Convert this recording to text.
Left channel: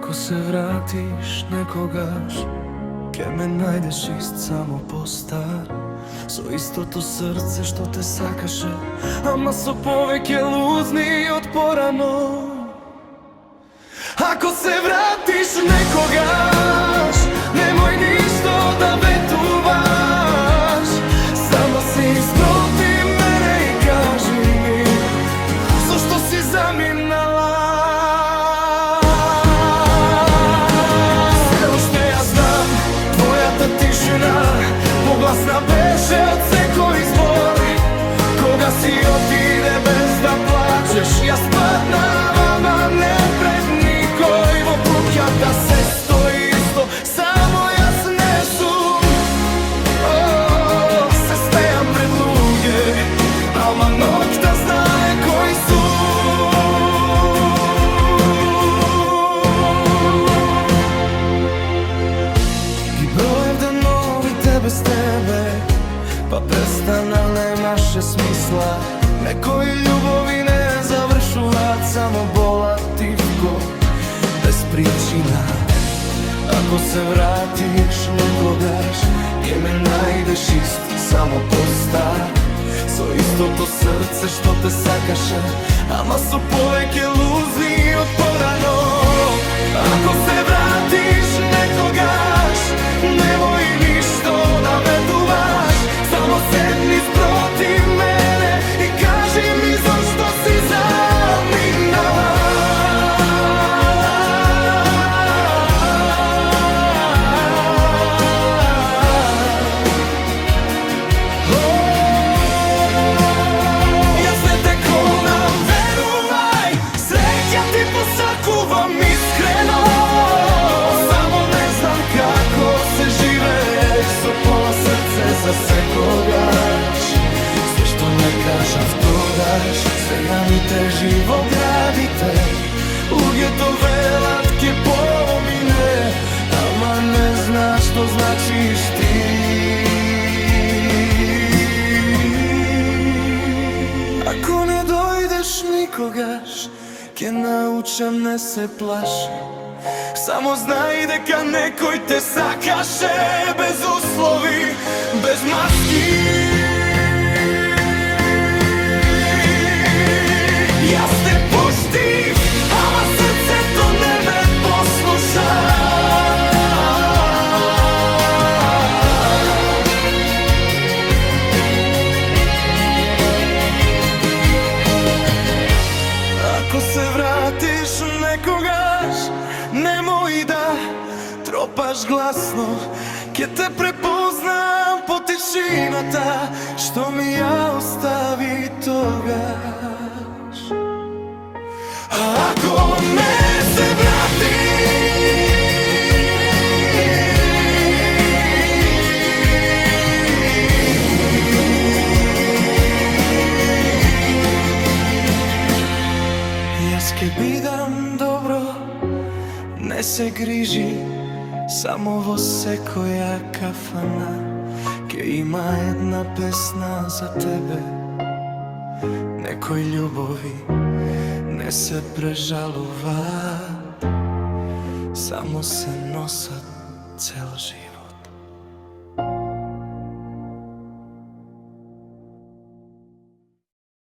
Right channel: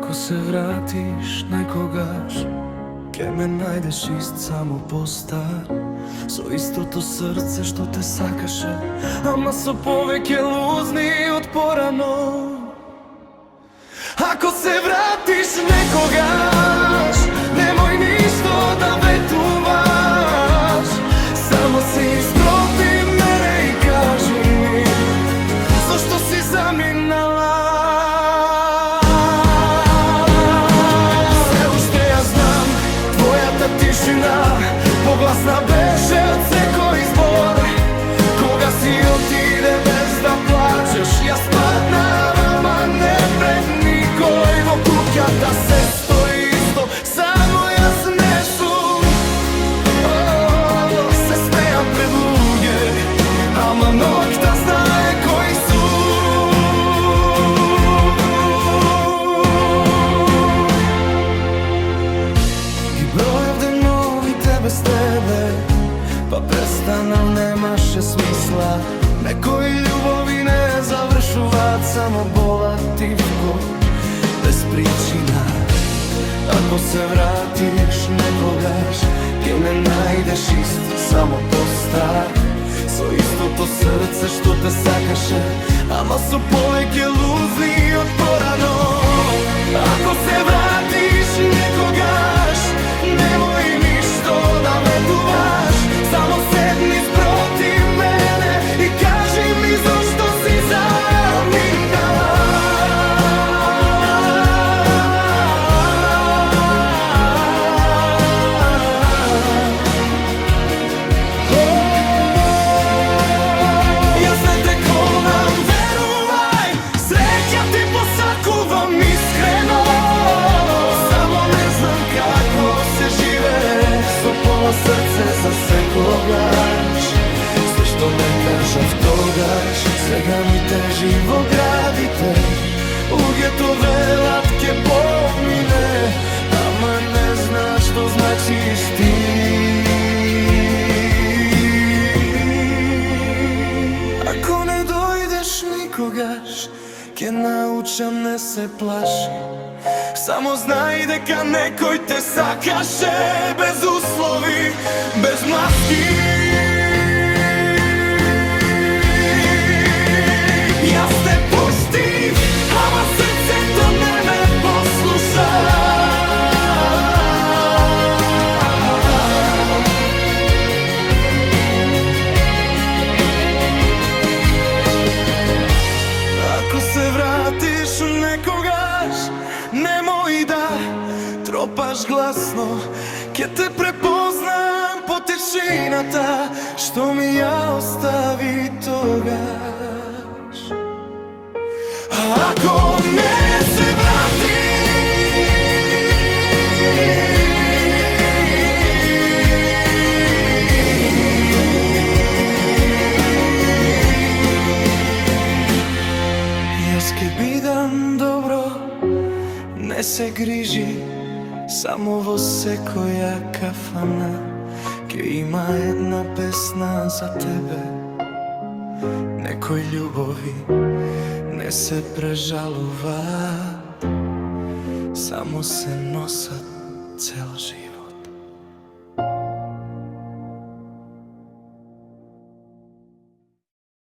Ако се вратиш некогаш, ке ме најдеш ист само постар, со истото срце што те сакаше, ама со повеќе лузни од порано. Ако се вратиш некогаш, немој ништо да ветуваш, само се испроти мене и кажи ми зошто си заминала. Се уште ја знам, твојата тишина погласна беше од секој збор. Кога си отиде без да плачеш, јас паднавам, а не пред никој. Во куќата се стои исто, само јас не сум. Се смејам пред луѓе, ама ноќта знае кој сум. Ги броев деновите без тебе, па престанав, немаше смисла. Некои љубови не завршуваат, само болат тивко, без причина. Ако се вратиш некогаш, ке ме најдеш ист, само постар, со истото срце што те сакаше, ама со повеќе лузни од порано. Ако се вратиш некогаш, немој ништо да ветуваш, само седни спротив мене и кажи ми зошто си заминала. Јас не те конам, верувај, среќа ти посакувам искрено. Само не знам како се живее со пола срце за секогаш. Све што не кажав тогаш, сега ми тежи во градите. Луѓето велат ќе помине, ама не знаат што значиш ти. Ако не дојдеш никогаш, ќе научам не се плаши. Само знај дека некој те сакаше без услови, без маски. Јас те пуштив, ама срцето не ме послуша. Ако се вратиш некогаш, немој да тропаш гласно, ке те препознам по тишината што ми ја остави тогаш. Ако не се врати, јас ке бидам добро, не се грижи, само во секоја кафана ке има една песна за тебе. Некои љубови не се прежалуваат, само се носат цел живот.